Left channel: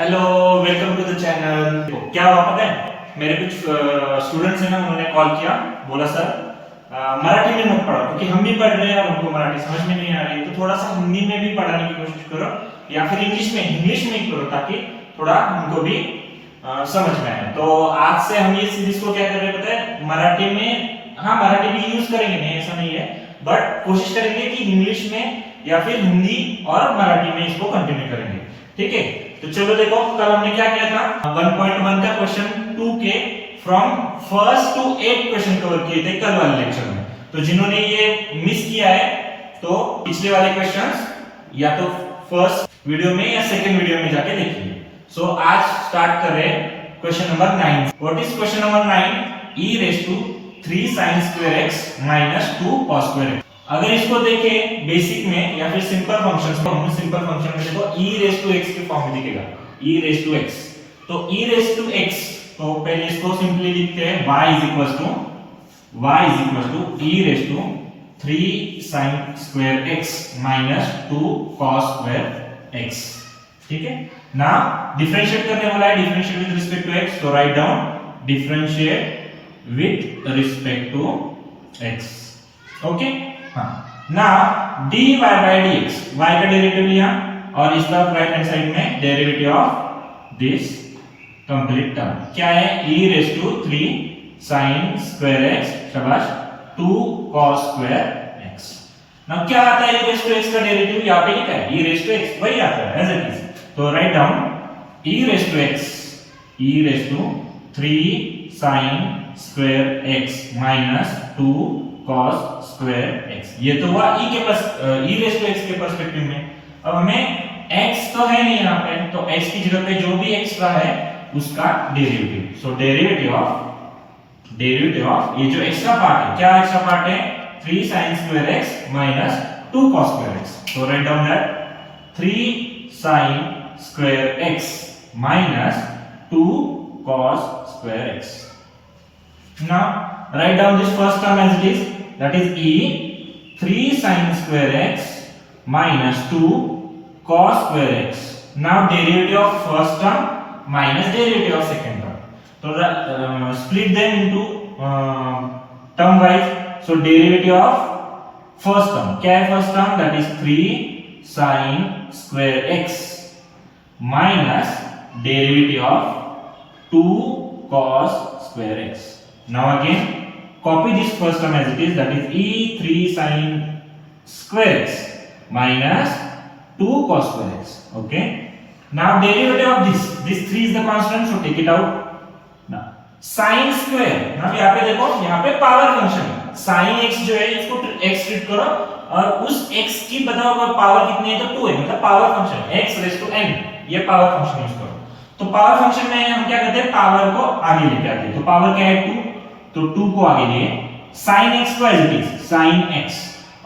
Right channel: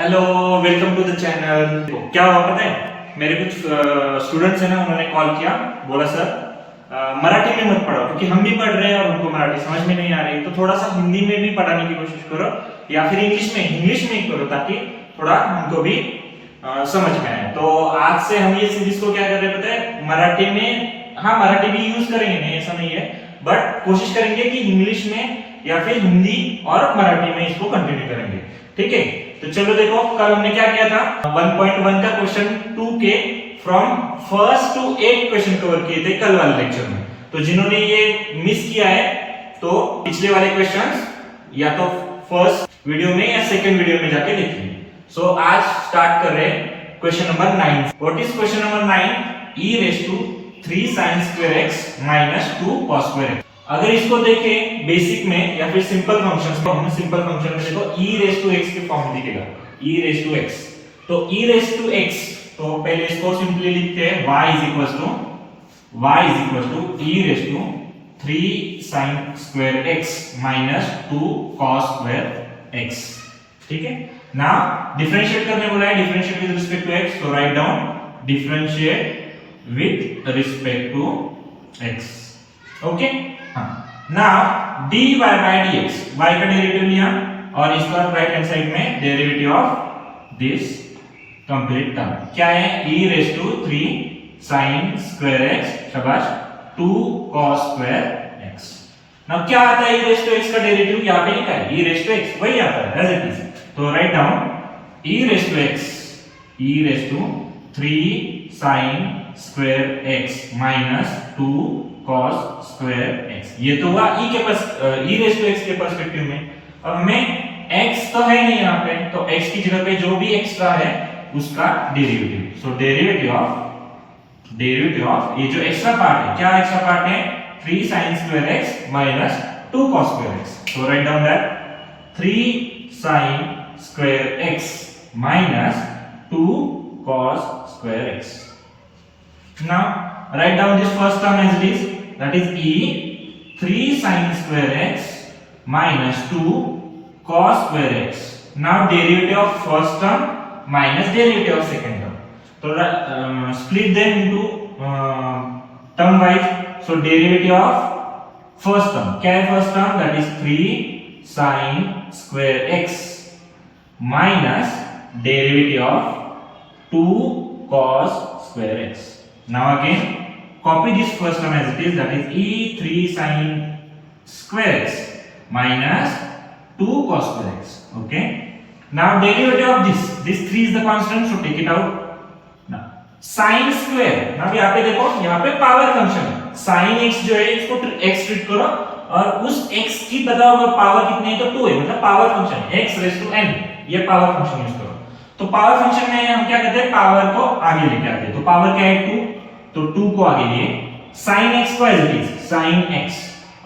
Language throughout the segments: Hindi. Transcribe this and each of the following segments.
Hello, welcome to the channel. क्या हुआ पता है, मेरे कुछ स्टूडेंट्स हैं ना, उन्होंने कॉल किया, बोला सर मराठी में मत पढ़ाओ क्योंकि हम भी पढ़ रहे हैं और उनको मराठी समझ में नहीं आ रही, तो थोड़ा सा हिंदी में भी पढ़ाने की कोशिश करो या फिर इंग्लिश में ही करो ताकि थोड़ा हमको भी समझ में आए। तो आज से हम ये सीरीज को क्या कर रहे हैं पता है, मराठी में, हाँ मराठी भी यूज करेंगे, नहीं ऐसा नहीं है, बट कोशिश करेंगे कि इंग्लिश में या फिर हिंदी और मराठी में इसको कंटिन्यू करेंगे। ठीक है, तो चलो देखो, कल हमने क्या किया था, 1.1 का क्वेश्चन 2 के from first to 8 question cover किए थे कल वाले लेक्चर में। तो जिन्होंने ये मिस किया है तो पिछले वाले क्वेश्चंस या तो फर्स्ट वीडियो में या सेकंड वीडियो में जाके देखिए। सो आज स्टार्ट कर रहे हैं question number 9। What is question number 9? e raised to 3 sin square x minus 2 cos square x। अगर इसको देखें बेसिक में या फिर सिंपल फंक्शंस में, हम सिंपल फंक्शन में देखो e raised to x के फॉर्म में दिखेगा, e raised to x। तो e raised to x, तो पहले इसको सिंपली लिखते हैं y is equals to e raised to 3 sin square x minus 2 cos square x। ठीक है ना, डिफरेंशिएट करने बोला है, differentiate with respect to x, तो write down differentiate with respect to x। Okay, हाँ, now dy by dx, y का डेरिवेटिव लिया और इसका राइट हैंड साइड में derivative of this complete term क्या है, e raised to 3 sin square x शाबाश 2 cos square x। नाउ क्या आता है e raised to x का डेरिवेटिव, यहां पे लिखा है e raised to x, वही आता है एज इट इज। तो write down e raised to x, e raised to 3 sin square x minus 2 cos square x। ये तो हुआ e के पास e raised to x के पर्सपेक्टिव में। अब हमें x तो है नहीं यहाँ पे, तो x की जगह पे जो भी एक्स्ट्रा है उसका डेरिवेटिव। सो डेरिवेटिव ऑफ ये जो एक्स्ट्रा पार्ट है, क्या एक्स्ट्रा पार्ट है, 3 sin square x minus 2 cos square x। तो write down that 3 sin square x minus 2 cos square x। Now write down this first term as it is, that is e 3 sin square x minus 2 cos square x। Now derivative of first term minus derivative of second term, so split them into term wise। So derivative of first term, क्या है first term, that is 3 sin square x minus derivative of 2 cos square x। Now again copy this first term as it is, that is e 3 sin square x minus 2 cos square x। Okay, now derivative of this 3 is the constant, so take it out। now sin square, now यहाँ पे देखो, यहाँ पे पावर फंक्शन है, sin x जो है इसको x ट्रीट करो और उस x की बताओ अगर पावर कितनी है तो 2 है, मतलब पावर फंक्शन है x raised to n, ये पावर फंक्शन यूज करो। तो पावर फंक्शन में हम क्या करते हैं, पावर को आगे लेके आते हैं। तो पावर क्या है 2, तो 2 को आगे लिए, sin x को as it is sin x,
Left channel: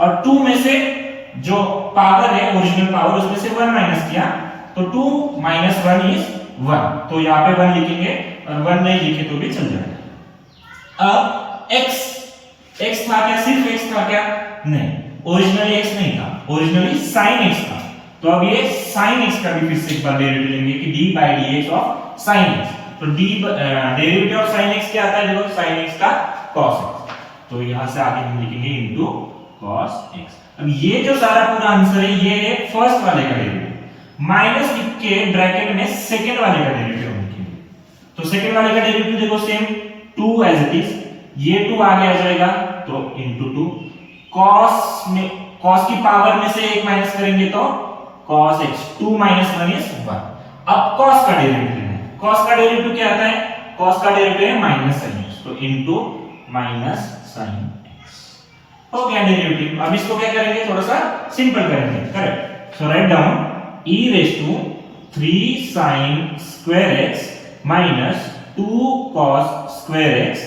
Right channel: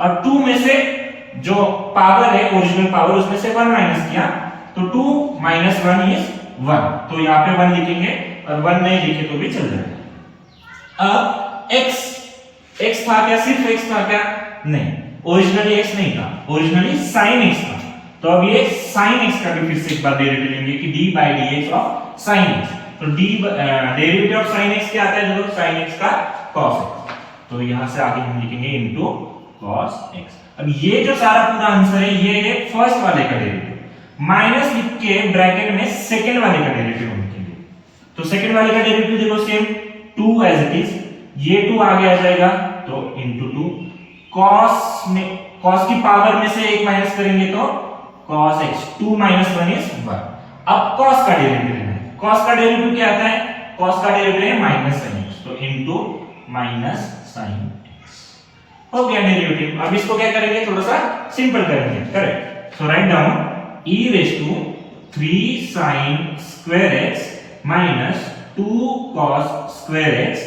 और 2 में से जो पावर है ओरिजिनल पावर उसमें से 1 माइनस किया, तो 2 minus 1 is 1, तो यहाँ पे 1 लिखेंगे और 1 नहीं लिखे तो भी चल जाएगा। अब x था क्या, सिर्फ x था क्या, नहीं, ओरिजिनली x नहीं था, ओरिजिनली sin x था। तो अब ये sin x का भी फिर से एक बार डेरिवेटिव लेंगे कि d by dx of sin x। तो डेरिवेटिव ऑफ sin x क्या आता है, जो sin x का cos x, तो यहां से आगे हम लिखेंगे इनटू cos x। अब ये जो सारा पूरा आंसर है ये है फर्स्ट वाले का डेरिवेटिव, माइनस लिख के ब्रैकेट में सेकंड वाले का डेरिवेटिव हम लिखेंगे। तो सेकंड वाले का डेरिवेटिव देखो सेम 2 एज इट इज, ये 2 आगे आ जाएगा तो इनटू 2 cos की पावर में से 1 माइनस करेंगे तो cos x, 2 minus 1 is 1। अब cos का डेरिवेटिव लेना है, cos का डेरिवेटिव क्या आता है, cos का डेरिवेटिव है माइनस sin x, तो इनटू माइनस sin x हो गया डेरिवेटिव। अब इसको क्या करेंगे, थोड़ा सा सिंपल करेंगे, correct. So write down e raised to 3 sin square x minus 2 cos square x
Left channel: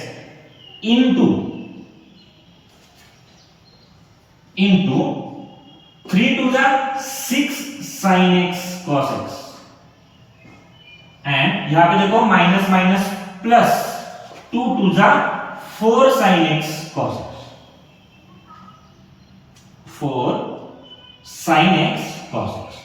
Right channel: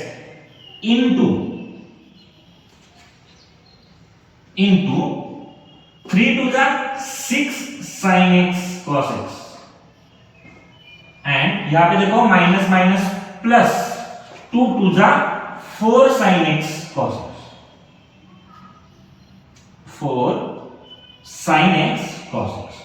into 3 to the 6 sin x cos x, and यहां पे देखो minus minus plus 2 to the 4 sin x cos x, 4 sin x cos x।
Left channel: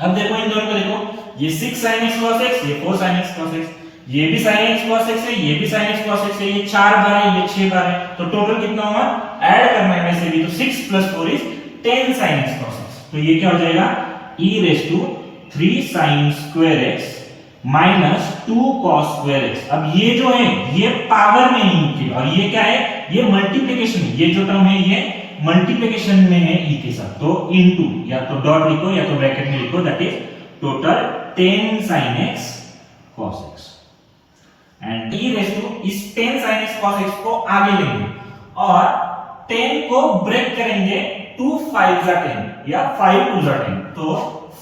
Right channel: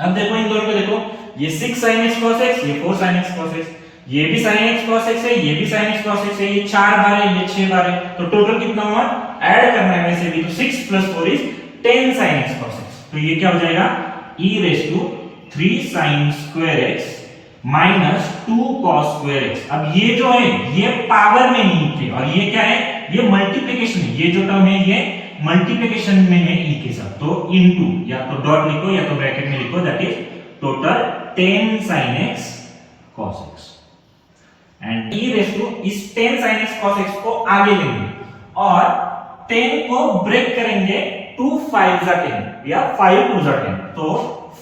अब देखो इन दोनों को देखो, ये 6 sin x cos x, ये 4 sin x cos x, ये भी sin x cos x है, ये भी sin x cos x है, ये 4 बार है, ये 6 बार है, तो टोटल कितना हुआ? ऐड करना है वैसे भी, तो 6 + 4 is 10 sin x cos x, तो ये क्या हो जाएगा? e raised to 3 sin square x minus 2 cos square x। अब ये जो है ये पावर में e के, और ये क्या है? ये मल्टीप्लिकेशन है, ये जो टर्म है ये मल्टीप्लिकेशन में है e के साथ, तो इनटू, या तो डॉट लिखो या तो ब्रैकेट में लिखो, that is total 10 sin x cos x, and e raise to इस 10 sin x cos x को आगे लेंगे और 10 को ब्रेक करेंगे, 2 5 जा 10 या 5 2 जा 10, तो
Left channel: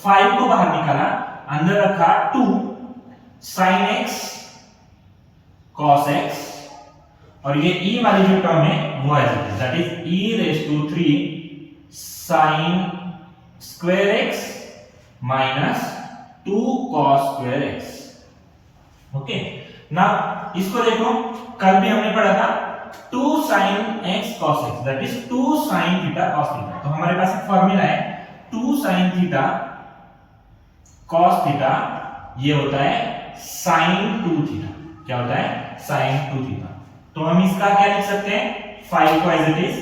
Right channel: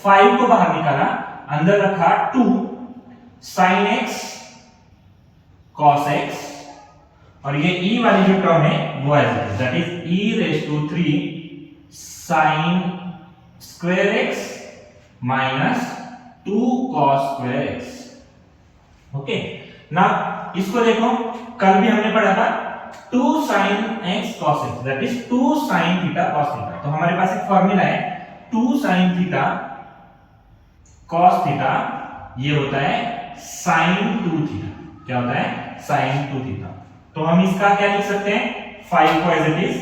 5 को बाहर निकाला, अंदर रखा 2 sin x cos x, और ये e वाली जो टर्म है वो है that is e raise to 3 sin square x minus 2 cos square x। Okay, ना इसको देखो, कल भी हमने पढ़ा था 2 sin x cos x, that is 2 sin theta cos theta, तो हमारे पास एक फार्मूला है 2 sin थीटा cos थीटा, ये होता है sin 2 थीटा। क्या होता है? sin 2 theta. तो हम इसका क्या लिख सकते हैं? 5 को एज इट इज,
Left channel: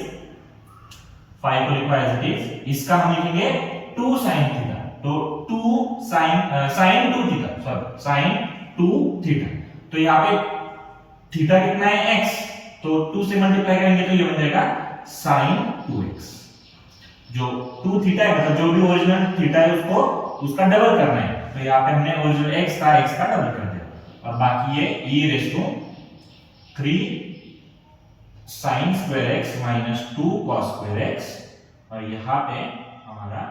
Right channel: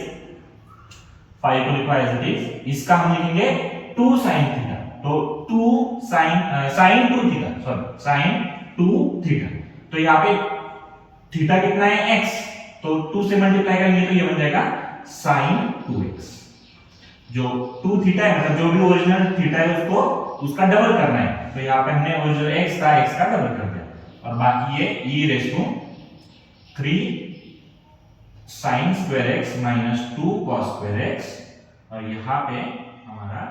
5 को लिखो एज इट इज, इसका हम लिखेंगे 2 sin थीटा, तो 2 sin 2 theta, sorry sin 2 theta, तो यहाँ पे थीटा कितना है? x, तो 2 से मल्टीप्लाई करेंगे तो ये बन जाएगा sin 2x। जो 2 थीटा है मतलब जो भी ओरिजिनल थीटा है उसको उसका डबल करना है, तो यहाँ पे हमने ओरिजिनल x का डबल कर दिया, और बाकी ये e raise to 3 sin square x minus 2 cos square x, और यहाँ पे हमारा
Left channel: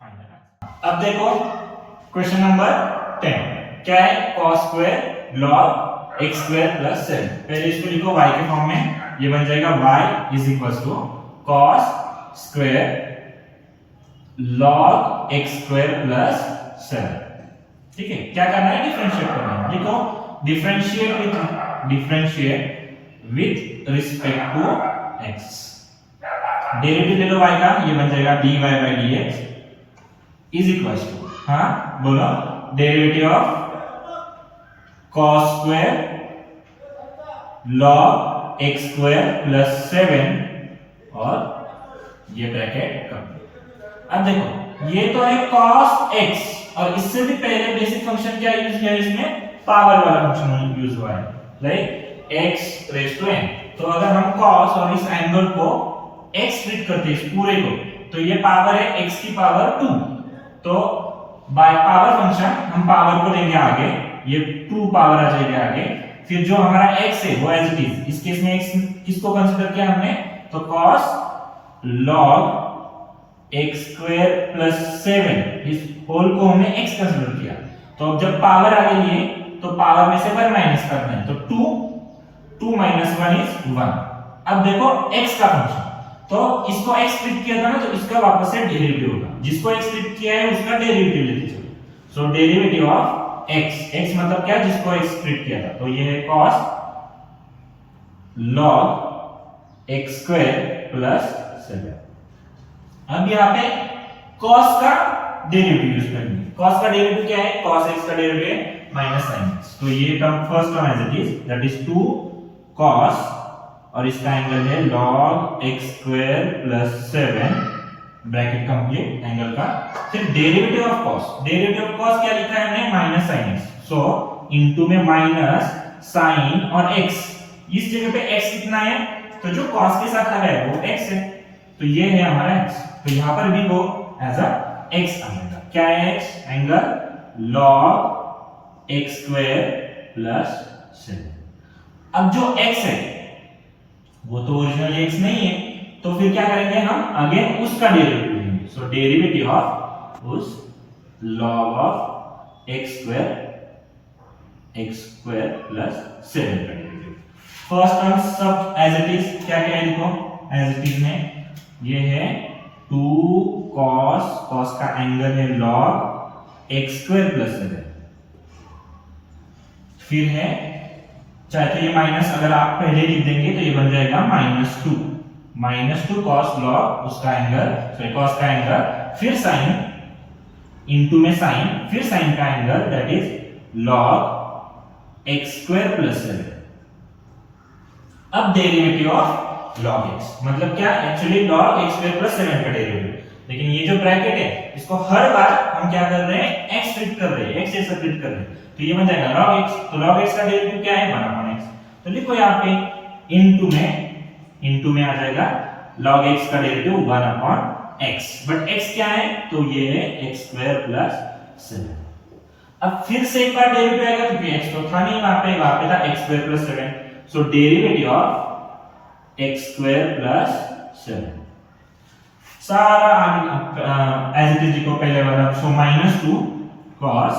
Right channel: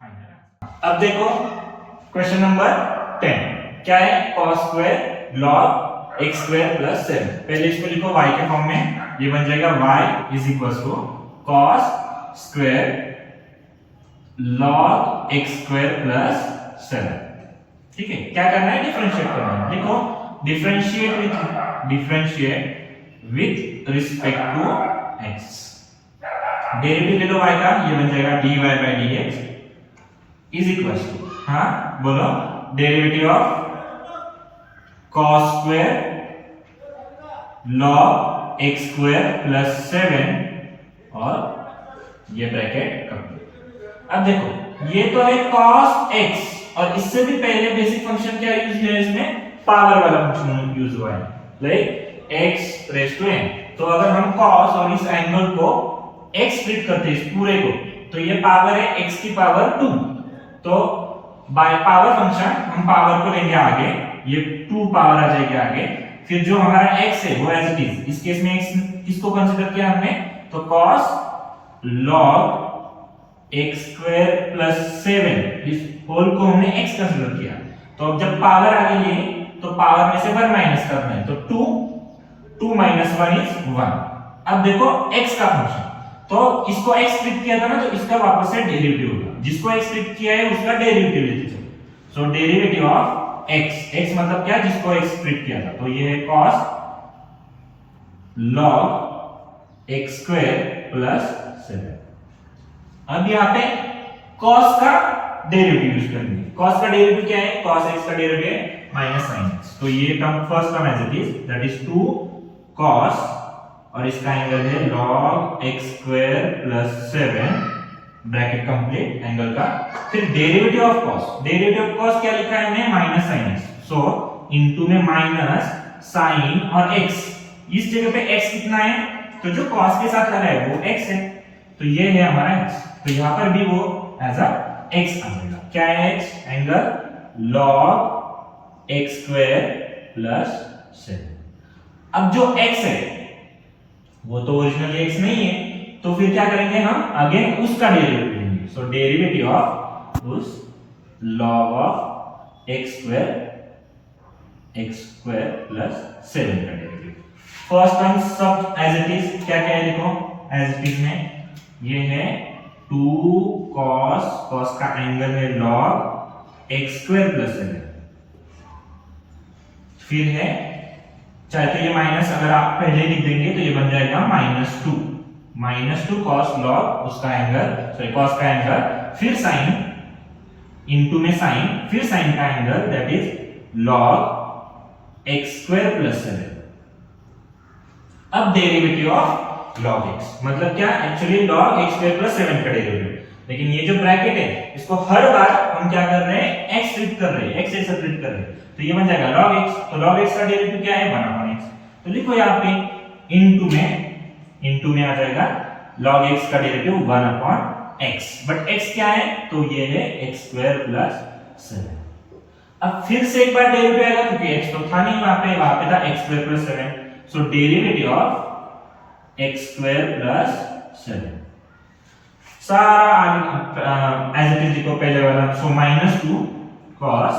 फाइनल आंसर। अब देखो क्वेश्चन नंबर 10 क्या है? cos square log x square plus 7। पहले इसको लिखो y के फॉर्म में, ये बन जाएगा y is equal to cos square log x square plus 7। ठीक है, क्या करना है? डिफरेंशिएट करना है। लिखो differentiate with respect to x। Derivative ले लो y का, ये बन जाएगा dy by dx is equal to, हाँ बोलो, derivative of cos square log x square plus 7 और ये ब्रैकेट कर दो। अब देखो ये तो है cos x, और इससे भी पहले बेसिक फंक्शन क्या यूज किया है इसमें? पावर वाला फंक्शन यूज हुआ है, like x raise to n। तो अगर हम cos और इस एंगल को x ट्रीट करते हैं इस पूरे को, तो ये पावर है x की पावर 2, तो बाय पावर फंक्शन हम पावर को लेंगे आगे, ये 2 पावर आ जाएगी आगे, फिर जो हमारा x है वो एज इट इज, इस केस में x किसको कंसीडर किया हमने? तो cos log x square plus 7, इस होल को हमने x कंसीडर किया, तो अब जब पावर आगे लिए तो पावर में से 1 माइनस करना है, तो 2 minus 1 is 1। अब देखो x का फंक्शन, तो इसको x ट्रीट किया था ना, तो इसका वापस से डेरिवेटिव होगा, जिसको x ट्रीट किया है उसका डेरिवेटिव लेते चलो। सो डेरिवेटिव ऑफ x मतलब क्या? जिसको x ट्रीट किया था, तो ये है cos log x square plus 7। अब यहाँ पे cos का डेरिवेटिव यूज करेंगे। cos का डेरिवेटिव क्या है? cos x का डेरिवेटिव है माइनस sin x, तो ये term first term as it is, that is 2 cos, और इसका एंगल है log x square plus 7 bracket complete angle का। फिर डेरिवेटिव ऑफ cos क्या लिखा है हमने? माइनस sin x, सो इनटू में माइनस sin और x, इस जगह पे x कितना है? तो जो cos के साथ लगा है वो x है, तो ये है हमारा x, तो यहाँ पर भी वो एज अ x आ जाएगा। क्या है x? Angle log x square plus 7। अब जो x है वो तो ओरिजिनल x नहीं है, तो फिर क्या करेंगे हम? अगेन उसका डेरिवेटिव लेंगे, सो डेरिवेटिव ऑफ उस log of x square plus 7 का डेरिवेटिव। फर्स्ट टर्म सब एज इट इज, क्या क्या है देखो, एज इट इज में ये है 2 cos का एंगल है log x square plus 7, फिर है चाहे तो ये माइनस अगर आप पहले लिख देंगे तो ये बन जाएगा -2 cos log उसका एंगल, सॉरी cos का एंगल, फिर sin इनटू में साइन, फिर साइन का angle that is log x square plus 7। अब डेरिवेटिव ऑफ log x मतलब क्या, actually log x square plus 7 का डेरिवेटिव। लेकिन ये जो ब्रैकेट है इसको हर बार हम क्या कर रहे हैं, x ट्रीट कर रहे हैं, x से ट्रीट कर रहे हैं, तो ये बन जाएगा log x। तो log x का डेरिवेटिव क्या है, 1/x। तो लिखो यहाँ पे इनटू में आ जाएगा log x का डेरिवेटिव 1/x, बट x क्या है, तो ये है x स्क्वायर प्लस 7। अब फिर से एक बार डेरिवेटिव आएगा क्योंकि x तो था नहीं वहां पे था x square plus 7, so derivative of x square plus 7 सारा आगे एज इट इज लिखो पहले वाला, सो -2 cos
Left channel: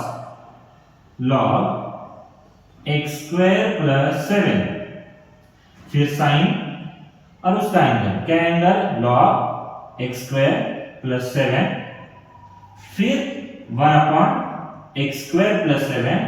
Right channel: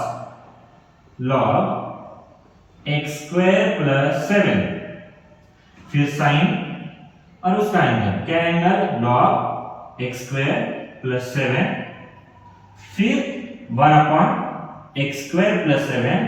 log x square plus 7, फिर साइन और उसका एंगल क्या, angle log x square plus 7, फिर 1/x स्क्वायर प्लस 7,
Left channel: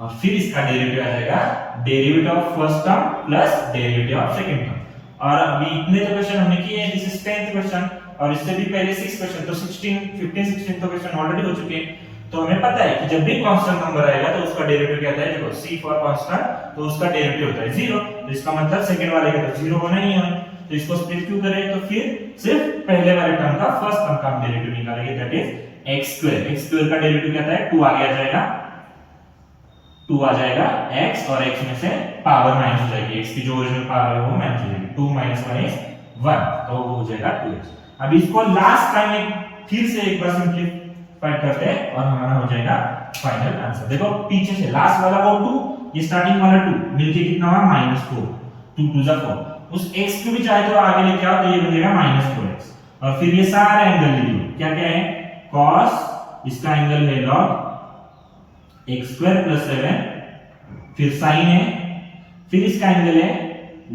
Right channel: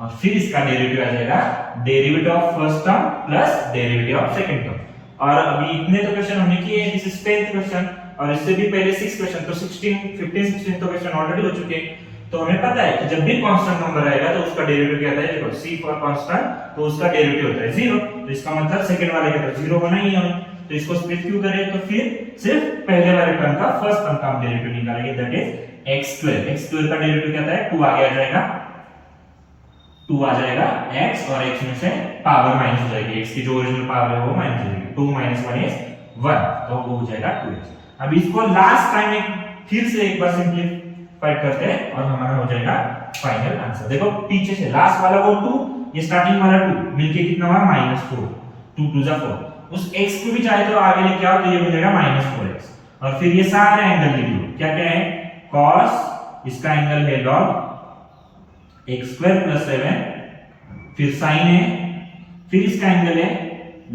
और फिर इसका डेरिवेटिव आ जाएगा derivative of first term plus derivative of second term. और अभी इतने तो क्वेश्चन हमने किए हैं, दिस इज 10th क्वेश्चन, और इससे भी पहले 6 क्वेश्चन, तो 15 तो क्वेश्चन ऑलरेडी हो चुके हैं। तो हमें पता है कि जब भी कांस्टेंट नंबर आएगा तो उसका डेरिवेटिव क्या होता है, देखो c फॉर कांस्टेंट, तो उसका डेरिवेटिव होता है 0, तो इसका मतलब सेकंड वाले का तो 0 होना ही है। तो इसको स्प्लिट क्यों करें, तो फिर सिर्फ पहले वाले टर्म का फर्स्ट टर्म का हम डेरिवेटिव निकालेंगे, दैट इज x स्क्वायर का डेरिवेटिव क्या आता है, 2 आगे आ जाएगा, 2 आ जाएगा x, और x में से पावर माइनस हो जाएगी, x की जो ओरिजिनल पावर है वो माइनस हो जाएगी, 2 - 1 is 1, तो वो हो जाएगा 2x। अब इसको लास्ट टाइम एक फिर से एक बार सिंपलीफाई करते हैं और हमारा हो जाएगा फाइनल आंसर। देखो पीछे से लास्ट वाला वो 2, ये स्टार्टिंग वाला 2 मिलके कितना हुआ, -4, 2 2 जा 4, उस x को भी चाहे तो आगे लेके आओ तो ये बन जाएगा -4x, और फिर ये सारे एंगल लिख लो, क्या क्या है, cos, इसका एंगल है log x स्क्वायर प्लस 7, फिर साइन है, फिर इसका एंगल है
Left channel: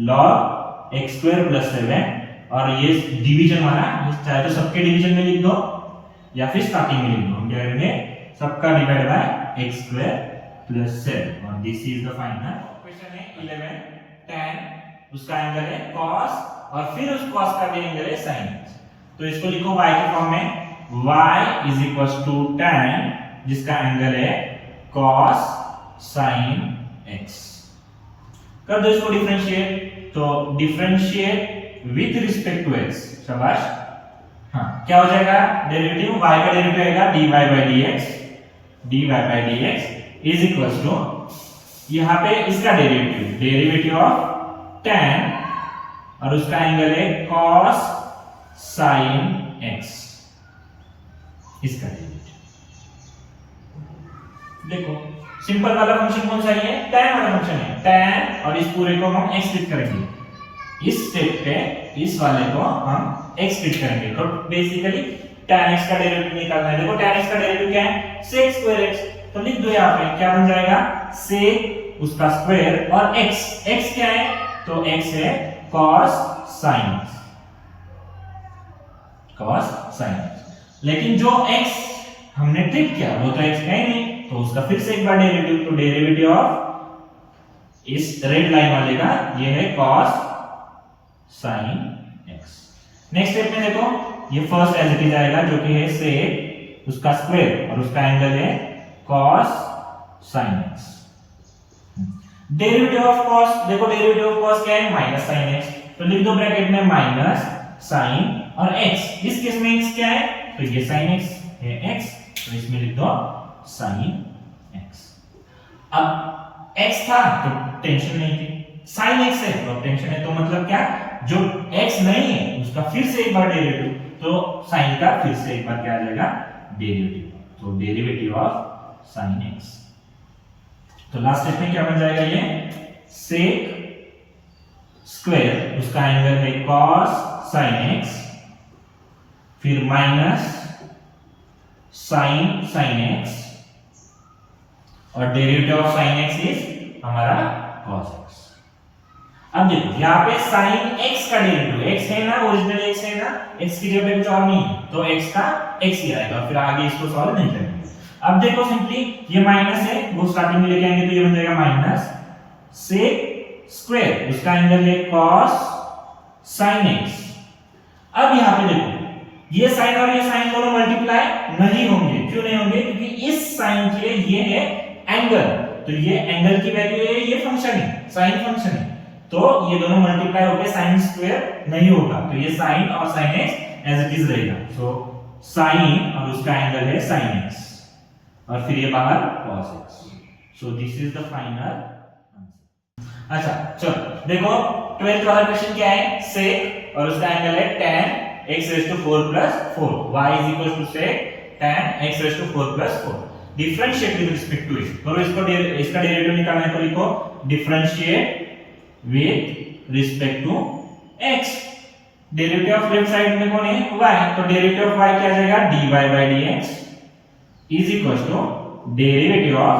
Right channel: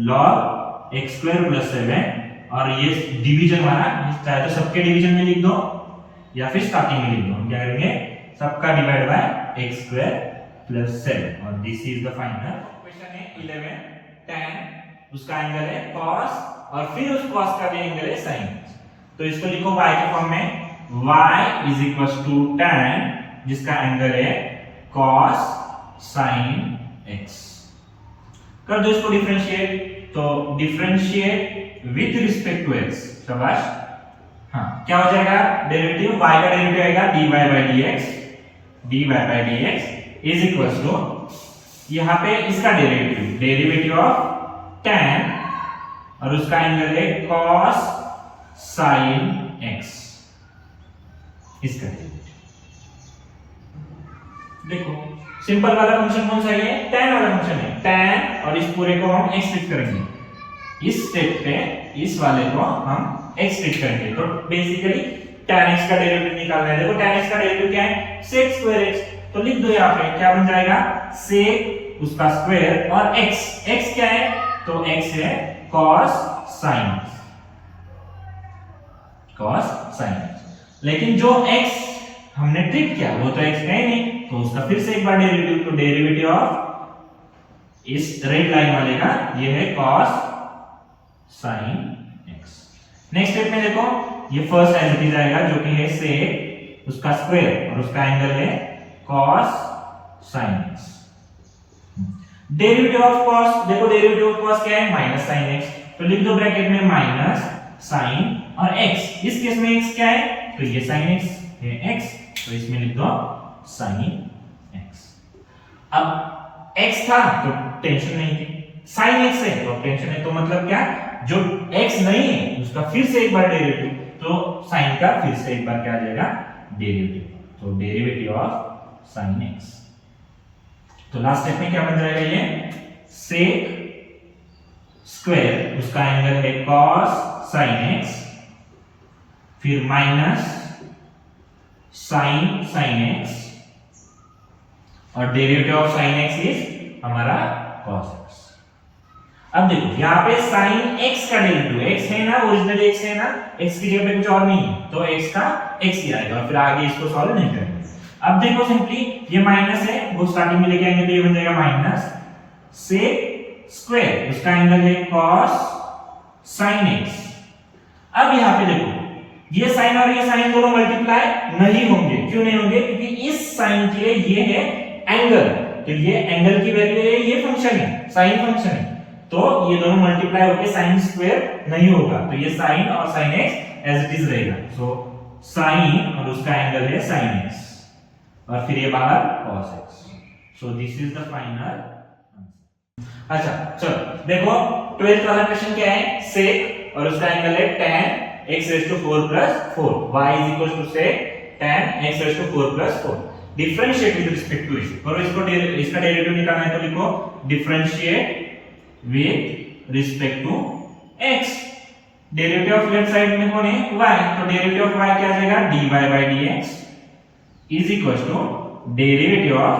log x स्क्वायर प्लस 7, और ये डिवीजन वाला चाहे तो सबके डिवीजन में लिख दो या फिर स्टार्टिंग में लिख दो, हम क्या करेंगे, सबका divide by x square plus 7, और this is the final question है 11 tan, उसका एंगल है cos, और फिर उस cos का भी एंगल है sin, तो इसको लिखो y के फॉर्म में, y is equals to tan, जिसका एंगल है cos sin x। कर दो इसको डिफरेंशिएट, तो differentiate with respect to x, शाबाश। हाँ, क्या हो जाएगा, डेरिवेटिव y का डेरिवेटिव आएगा dy by dx is equals to, यहां पे इसका डेरिवेटिव ऑफ tan, और उसका एंगल है cos sin x, इसका डेरिवेटिव। देखो सिंपल वाला फंक्शन कौन सा है, tan वाला फंक्शन है, tan, और इस पूरे को हम x ट्रीट करेंगे, इस स्टेप पे इस वाले को हम x ट्रीट करेंगे, तो बेसिकली tan x का डेरिवेटिव निकालना है। देखो tan x का डेरिवेटिव क्या है, sec स्क्वायर x, तो लिख दो यहाँ पे क्या बन जाएगा, sec उसका स्क्वायर और x क्या है, तो x है cos sin, लेकिन जो x हमने ट्रीट किया वो तो x है नहीं, तो उसका फिर से एक बार डेरिवेटिव, तो डेरिवेटिव ऑफ इस रेड लाइन वाले का ये है cos sin x। Next step में देखो, ये फर्स्ट एज इट इज आएगा जो कि है sec उसका स्क्वायर और उसका एंगल है cos sin x। Derivative of cos, देखो डेरिवेटिव ऑफ cos क्या है, -sin x, तो लिख दो ब्रैकेट में माइनस sin और x, इस केस में x क्या है, तो ये sin x है x, तो इसमें लिख दो sin x। अब x था तो टेंशन नहीं थी, sin x है तो टेंशन है, तो मतलब क्या, जो x नहीं है उसका फिर से एक बार डेरिवेटिव, तो sin का फिर से एक बार क्या आ जाएगा, डेरिवेटिव, तो डेरिवेटिव ऑफ sin x। तो लास्ट स्टेप में क्या बन जाएगा, ये sec स्क्वायर उसका एंगल है cos sin x, फिर माइनस sin x, और derivative of sin x is हमारा cos x। अब देखो यहाँ पे sin x का डेरिवेटिव, x है ना, ओरिजिनली x है ना, x की जगह पे कुछ और नहीं है, तो x का x ही आएगा, फिर आगे इसको सॉल्व नहीं करेंगे। अब देखो सिंपली ये माइनस है, वो स्टार्टिंग में लेके आएंगे तो ये बन जाएगा माइनस sec स्क्वायर उसका एंगल है cos sin x। अब यहाँ पे देखो ये साइन और ये साइन दोनों मल्टीप्लाई नहीं होंगे, क्यों नहीं होंगे? क्योंकि इस साइन के लिए ये है एंगल, तो ये एंगल की वैल्यू है, ये फंक्शन है, साइन फंक्शन है, तो ये दोनों मल्टीप्लाई होकर साइन स्क्वायर नहीं होगा, तो ये साइन और sine x as it is रहेगा। सो साइन और उसका एंगल है साइन एक्स और फिर ये बाहर cos x। So this is the final answer. अच्छा चलो देखो 12th वाला क्वेश्चन क्या है? sec और उसका एंगल है tan x raised to 4 plus 4, y is equals to sec tan x raised to 4 plus 4। Differentiate with respect to x, और इसका डेरिवेटिव निकालना है तो लिखो differentiate with respect to x। Derivative of left side में कौन है? y, तो डेरिवेटिव ऑफ y क्या आ जाएगा? dy by dx is equal to derivative of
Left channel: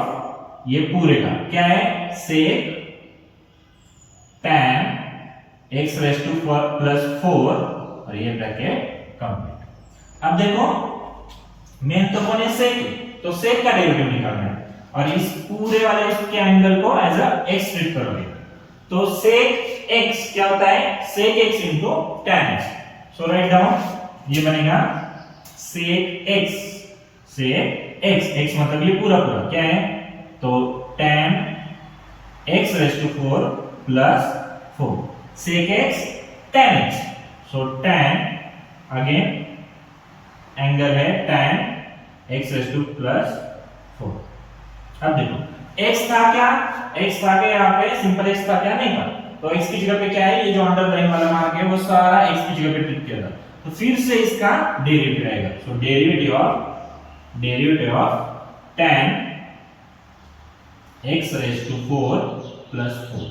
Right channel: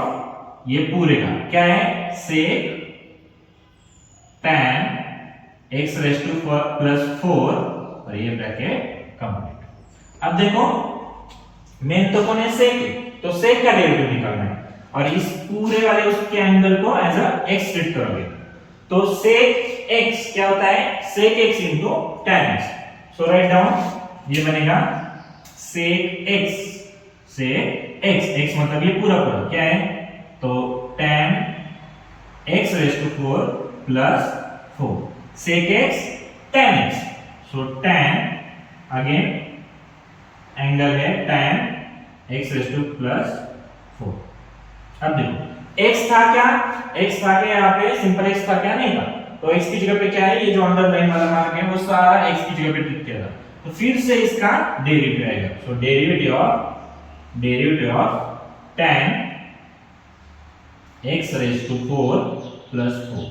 ये पूरे का क्या है? sec tan x raised to 4 plus 4 और ये ब्रैकेट कंप्लीट। अब देखो मेन तो कौन है? sec, तो sec का डेरिवेटिव निकालना है और इस पूरे वाले उसके एंगल को एज अ x ट्रीट करोगे, तो sec x क्या होता है? sec x into tan x। सो राइट डाउन ये बनेगा sec x, x मतलब ये पूरा पूरा क्या है? तो tan x raised to 4 plus 4, sec x tan x। So tan again angle है tan x raised to plus 4। अब देखो x था क्या? x था क्या यहाँ पे? सिंपल x था क्या? नहीं था, तो x की जगह पे क्या है? ये जो अंडरलाइन वाला मार्क है वो सारा x की जगह पे टिक किया था, तो फिर से इसका डेरिवेटिव आएगा। So derivative of tan x raised to 4 plus 4।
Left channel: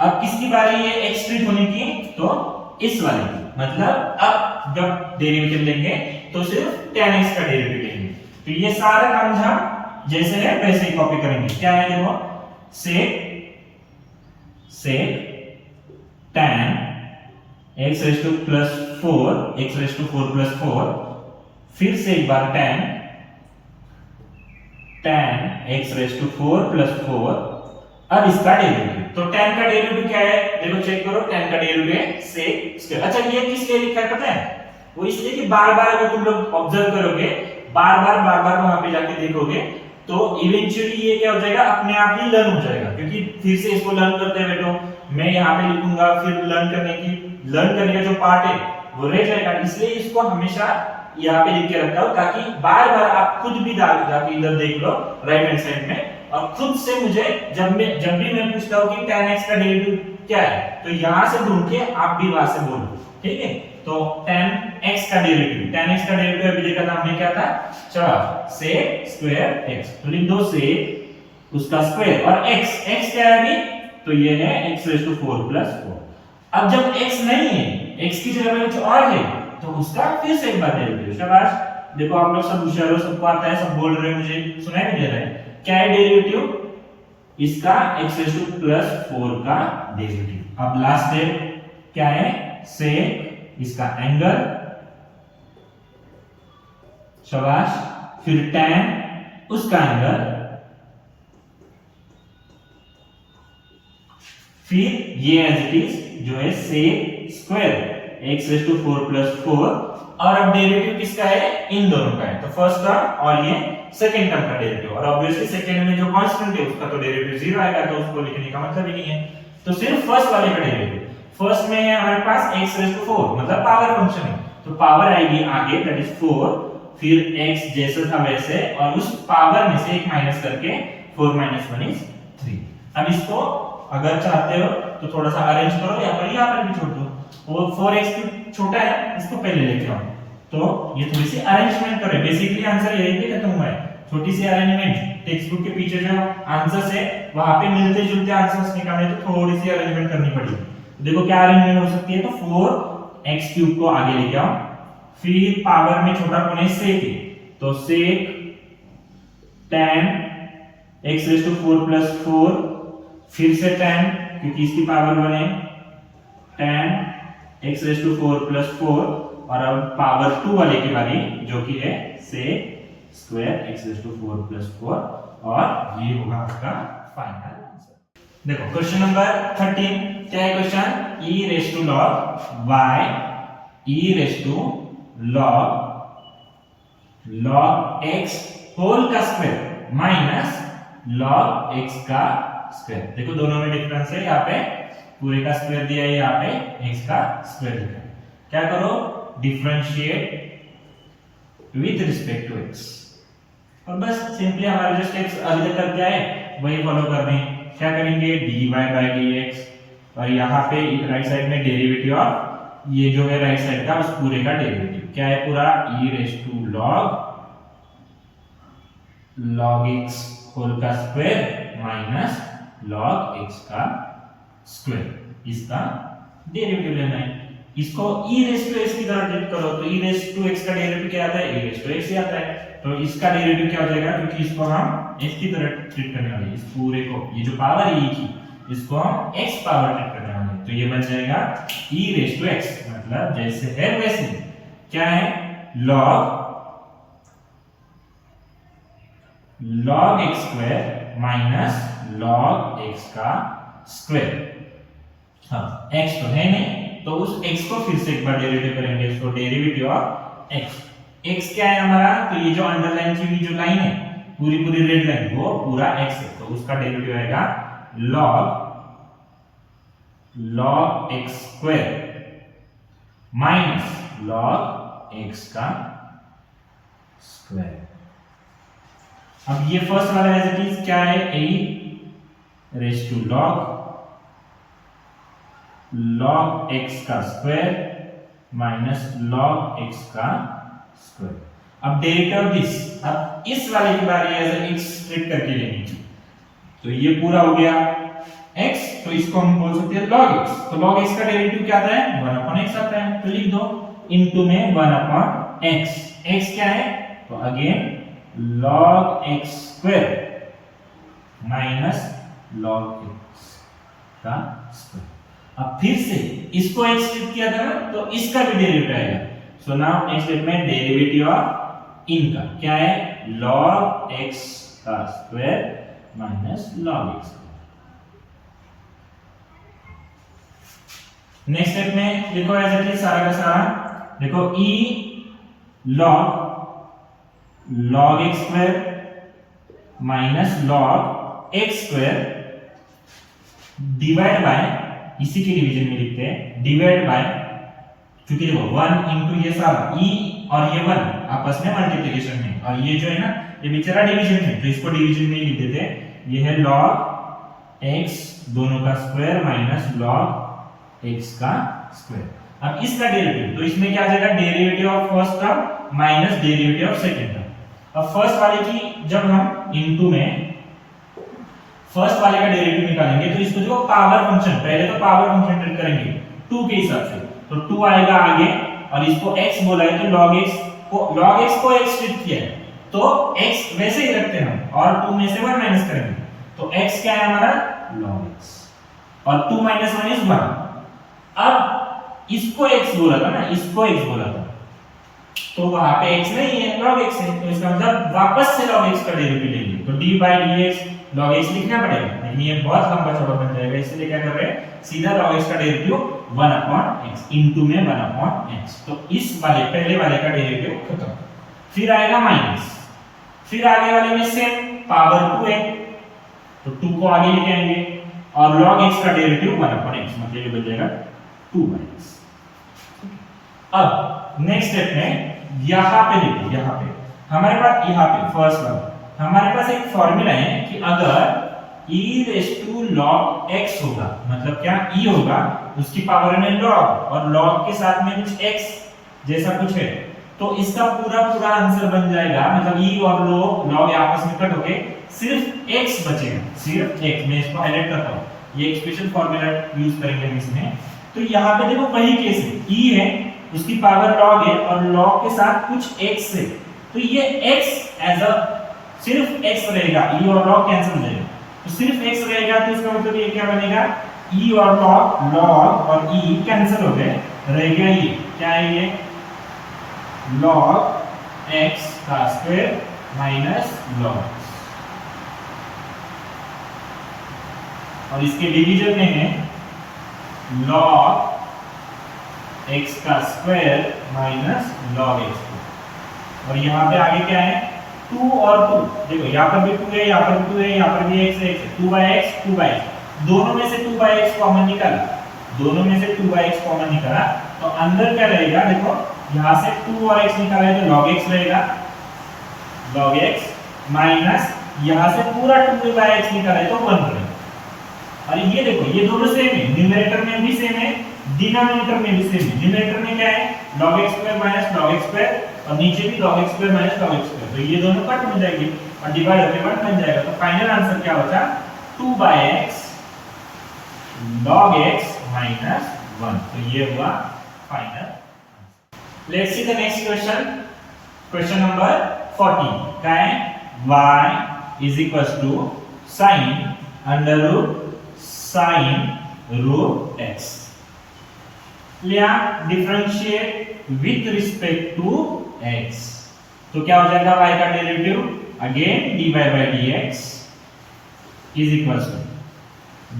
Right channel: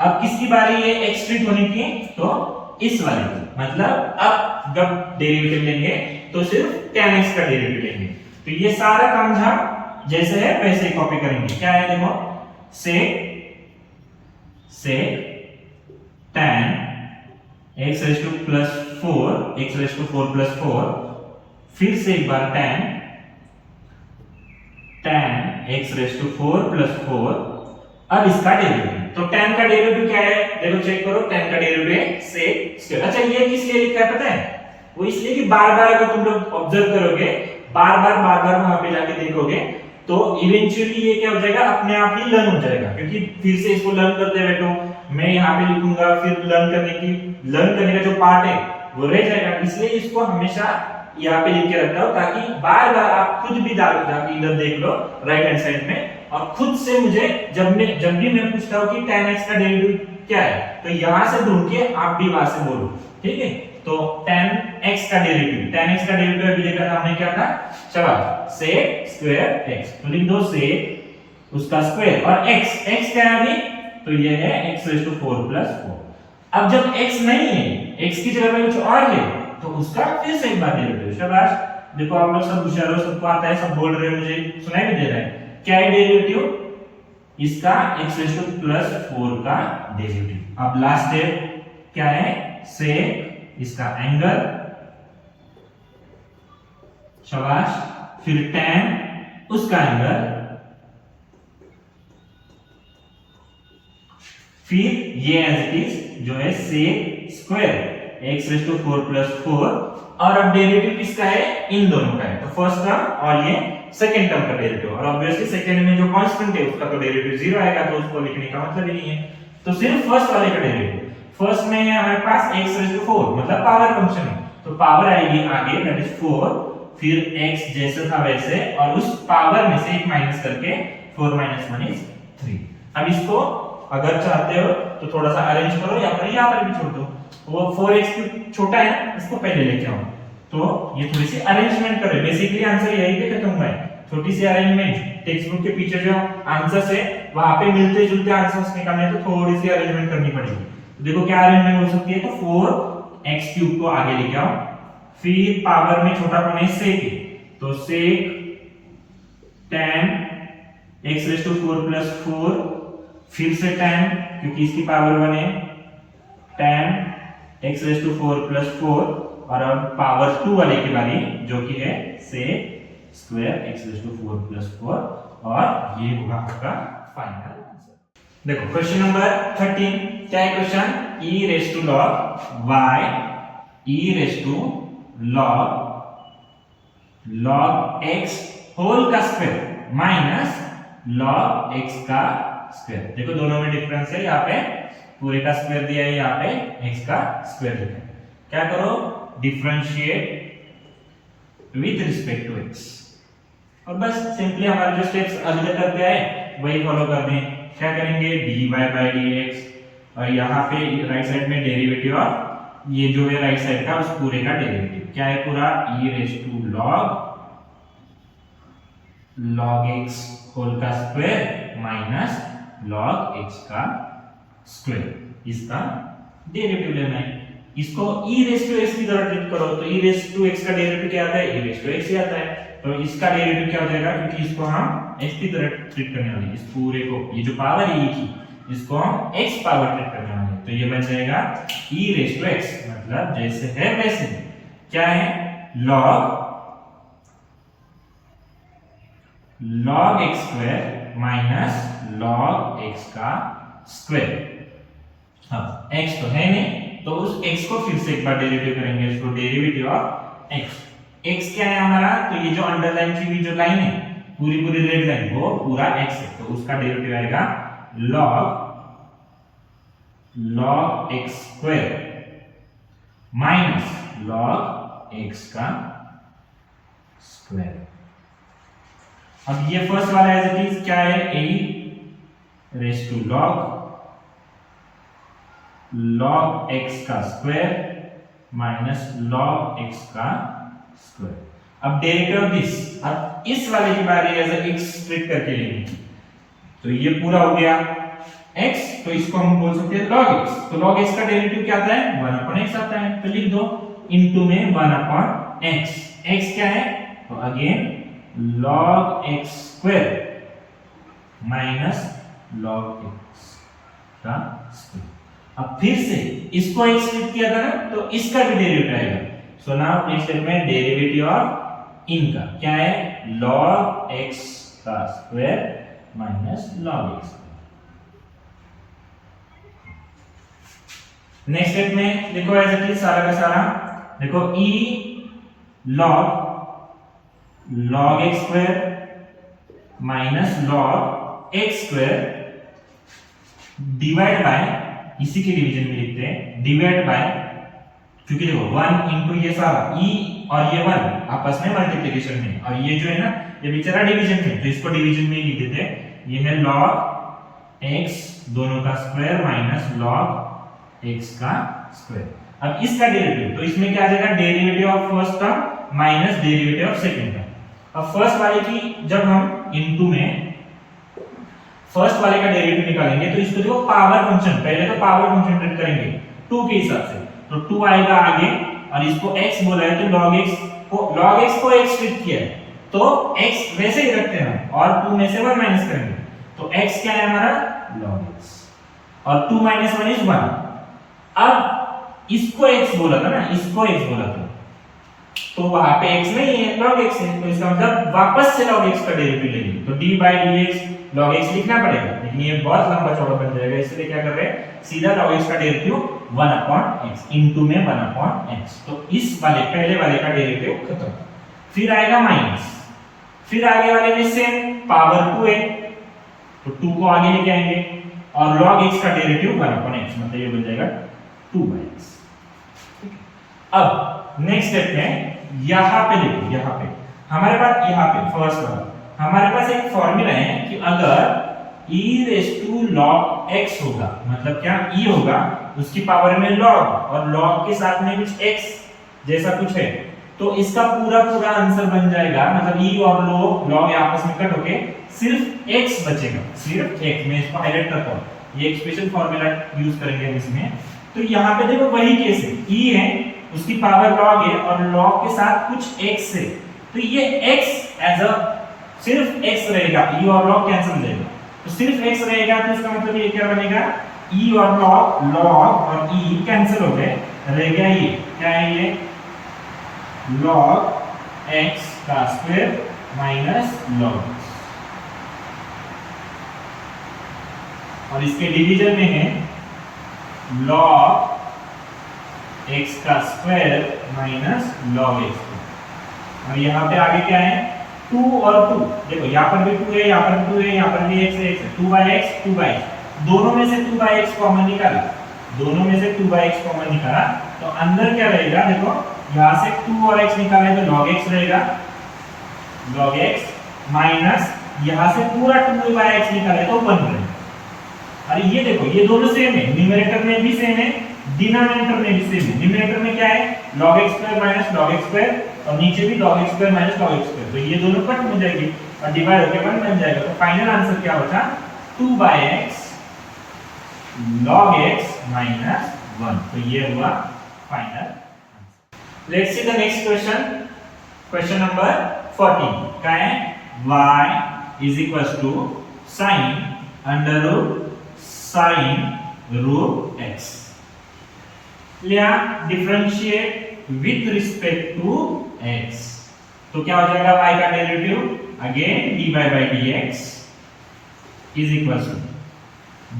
अब किसकी बारी है x ट्रीट होने की? तो इस वाले की, मतलब अब जब डेरिवेटिव लेंगे तो सिर्फ tan x का डेरिवेटिव लेंगे, तो ये सारा काम जहां जैसे है वैसे ही कॉपी करेंगे। क्या है देखो sec tan x raised to plus 4, x raised to 4 plus 4, फिर से एक बार tan x raised to 4 plus 4, अब इसका डेरिवेटिव, तो tan का डेरिवेटिव क्या है? देखो चेक करो, tan का डेरिवेटिव है sec स्क्वायर। अच्छा ये किस लिए लिखा है पता है? वो इसलिए कि बार-बार अगर तुम लोग ऑब्जर्व करोगे, बार-बार वहां पे जाके देखोगे, तो इवेंचुअली ये क्या हो जाएगा? अपने आप ही लर्न हो जाएगा, क्योंकि फिर से इसको लर्न करते बैठो, मैं यहाँ पे लिखूंगा, फिर लर्न करने का जो पार्ट है वो रह जाएगा। इसलिए इसको हमेशा यहाँ पे लिख के रखता हूँ, ताकि बार-बार आप खुद भी जाके इधर देख लो राइट हैंड साइड में, और खुद से मुझे जब भी मैं पूछता हूँ कि tan x का डेरिवेटिव क्या है, तो यहां से ढूंढ के आप भी वहां से बोलो, ठीक है? तो tan x का डेरिवेटिव अभी देखा था हमने क्या था? चलो sec स्क्वायर x, तो लिख दो sec उसका स्क्वायर और x क्या है अभी? तो ये है x raised to 4 plus 4। अब जब x नहीं है, x की जगह पे कुछ और है, तो उसका फिर से एक बार डेरिवेटिव। शाबाश, देखो आप लोग सब होशियार हो, सबको आता है, सब बोल रहे हो, मुझे सुनाई भी दे रहा है। क्या है डेरिवेटिव? इसका x raised to plus 4 का डेरिवेटिव। अब लास्ट स्टेप क्या है? sec इसका एंगल, शाबाश, फिर tan उसका एंगल, फिर ये एज इट इज जो है sec square x raised to 4 plus 4, और अब डेरिवेटिव किसका है? इन दोनों का है, तो फर्स्ट टर्म और ये सेकंड टर्म का डेरिवेटिव, और ऑब्वियसली सेकंड में जो कांस्टेंट है उसका तो डेरिवेटिव 0 आएगा, तो उसको लिखने का मतलब ही नहीं है, तो सिर्फ फर्स्ट वाले का डेरिवेटिव। फर्स्ट में है हमारे पास x raised to 4, मतलब पावर फंक्शन है, तो पावर आएगी आगे दैट इज 4, फिर x जैसा था वैसे, और उस पावर में से एक माइनस करके 4 - 1 is 3। अब इसको अगर चाहते हो तो थोड़ा सा अरेंज करो, या फिर यहाँ पर भी छोड़ दो, वो 4x छोटा है, इसको पहले लेके आओ, तो ये थोड़ी सी अरेंजमेंट करें। बेसिकली आंसर यही पे खत्म हुआ है, छोटी सी अरेंजमेंट। टेक्स्ट बुक के पीछे जो आंसर्स है वहां पे मिलते जुलते आंसर्स निकालने, तो थोड़ी सी अरेंजमेंट करनी पड़ेगी। तो देखो क्या अरेंजमेंट हो सकती है, तो 4x³ को आगे लेके आओ, फिर पावर में छोटा कौन है? sec, तो sec tan x raised to 4 plus 4, फिर से tan क्योंकि इसकी पावर 1 है, tan x raised to 4 plus 4, और अब पावर 2 वाले की बारी जो कि है sec square x raised to 4 plus 4, और ये होगा आपका फाइनल आंसर। देखो क्वेश्चन नंबर 13 क्या है question? e raised to log y, e raised to log x whole का स्क्वायर माइनस log x का स्क्वायर। देखो दोनों में डिफरेंस है, यहाँ पे पूरे का स्क्वायर दिया है, यहाँ पे x का स्क्वायर लिखा है। क्या करो, differentiate with respect to x, और बस सिंपली हमारे जो स्टेप्स अभी तक क्या है वही फॉलो कर रहे हैं। क्या करेंगे, dy बाय dx, और यहाँ पे राइट साइड में डेरिवेटिव ऑफ ये जो है राइट साइड का उस पूरे का डेरिवेटिव क्या है पूरा, e raise to log x whole का स्क्वायर माइनस log x का स्क्वायर, इसका डेरिवेटिव लेना है। इसको e रेज टू x की तरह ट्रीट करो तो e रेज टू x का डेरिवेटिव क्या आता है, e रेज टू x ही आता है। तो इसका डेरिवेटिव क्या हो जाएगा, क्योंकि इसको हम x की तरह ट्रीट करने वाले हैं, इस पूरे को, ये जो पावर है e की, इसको हम x पावर ट्रीट करने वाले हैं। तो ये बन जाएगा e रेज टू x, मतलब जैसे है वैसे। क्या है, log x square minus log x का स्क्वायर। हाँ, x तो है नहीं, तो उस x को फिर से एक बार डेरिवेटिव करेंगे, इसको डेरिवेटिव ऑफ x। x क्या है हमारा, तो ये जो अंडरलाइन की हुई जो लाइन है, पूरी पूरी रेड लाइन, वो पूरा x है, तो उसका डेरिवेटिव आएगा log x square minus log x का स्क्वायर। अब ये फर्स्ट वाला एज इट इज क्या है, a raise to log x का स्क्वायर माइनस log x का स्क्वायर। अब डेरिवेटिव ऑफ दिस, अब इस वाले की बारी एज x ट्रीट करके लेंगे, तो ये पूरा हो गया x, तो इसको हम बोल सकते हैं log x। तो log x का डेरिवेटिव क्या आता है, 1/x आता है, तो लिख दो इनटू में 1/x। x क्या है, तो again log x square minus log x का स्क्वायर। अब फिर से इसको x ट्रीट किया था ना, तो इसका भी डेरिवेटिव आएगा। सो नाउ नेक्स्ट स्टेप में डेरिवेटिव ऑफ इनका क्या है, log x का square minus log x। Next step में देखो एज इट इज सारा का सारा, देखो e log x square minus log x square divide by, इसी के डिवीजन में लिखते हैं, डिवाइड बाय, क्योंकि देखो 1 इनटू ये सारा e और ये 1 आपस में मल्टीप्लिकेशन में, और ये जो है ना ये बेचारा डिवीजन में, तो इसको डिवीजन में ही लिख देते हैं। ये है log x दोनों का स्क्वायर माइनस log x का स्क्वायर। अब इसका डेरिवेटिव, तो इसमें क्या आ जाएगा, derivative of first term minus derivative of second term. अब फर्स्ट वाले की जब हम इनटू में फर्स्ट वाले का डेरिवेटिव निकालेंगे, तो इसको देखो पावर फंक्शन, पहले तो पावर फंक्शन ट्रीट करेंगे 2 के हिसाब से, तो 2 आएगा आगे, और इसको x बोला है तो log x को x ट्रीट किया है, तो x वैसे ही रखते हैं हम, और 2 में से 1 माइनस करेंगे, तो x क्या है हमारा, log x, और 2 माइनस 1 इज 1। अब इसको x बोला था ना, इसको x बोला था, तो वहां पे x नहीं है, log x है, तो इसका मतलब वापस से log x का डेरिवेटिव लेंगे, तो d by dx log x लिखना पड़ेगा, लेकिन ये बहुत लंबा चौड़ा बन जाएगा, इसलिए क्या कर रहे हैं, सीधा log x का डेरिवेटिव 1/x इनटू में 1/x। तो इस वाले पहले वाले का डेरिवेटिव खत्म। फिर आएगा माइनस, फिर आगे वाले में सेम पावर 2 है, तो 2 को आगे लेके आएंगे, और log x का डेरिवेटिव 1/x, मतलब ये बन जाएगा 2x। अब नेक्स्ट स्टेप में यहां पे देखो, यहां पे हमारे पास, यहां पे फर्स्ट वाला हमारे पास एक फॉर्मूला है कि अगर e raise to log x होगा, मतलब क्या, e होगा उसकी पावर में log, और log के साथ में कुछ x जैसा कुछ है, तो इसका पूरा पूरा आंसर बन जाएगा, मतलब e और log आपस में कट होके सिर्फ x बचेगा, सिर्फ x। मैं इसको हाईलाइट करता हूं, ये एक स्पेशल फॉर्मूला यूज करेंगे हम इसमें। तो यहाँ पे देखो वही केस है, e है उसकी पावर log है, और log के साथ कुछ x है, तो ये x एज अ सिर्फ x रहेगा, e और log कैंसिल हो जाएगा, तो सिर्फ x रहेगा, तो इसका मतलब ये क्या बनेगा, e और log और e कैंसिल हो गए, रह गया ये क्या है, ये log x का स्क्वायर माइनस log, और इसके डिवीजन में है log x का स्क्वायर माइनस log x, और यहाँ पे आगे क्या है, 2 और 2, देखो यहाँ पर भी 2 है, यहाँ पर भी 2 है, यहाँ पर भी x है, 2x 2x, दोनों में से 2x कॉमन निकाला, दोनों में से 2x कॉमन निकाला, तो अंदर क्या रहेगा, देखो यहाँ से 2 और x निकाला है तो log x रहेगा, log x माइनस यहाँ से पूरा 2x निकाला है तो 1 रहेगा। अरे ये देखो ये दोनों सेम है, न्यूमरेटर में भी सेम है, डिनोमिनेटर में भी सेम है। न्यूमरेटर में क्या है, log x square minus log x square, और नीचे भी log x square minus log x square, तो ये दोनों कट हो जाएगी और डिवाइड होके 1 बन जाएगा। तो फाइनल आंसर क्या होता, 2/x log x माइनस 1, तो ये हुआ final answer. Let's see the next question, question number 14 क्या है, y is equals to sin under root sin root x, लिया differentiate with respect to x, तो क्या हो जाएगा y का derivative again dy by dx is equals to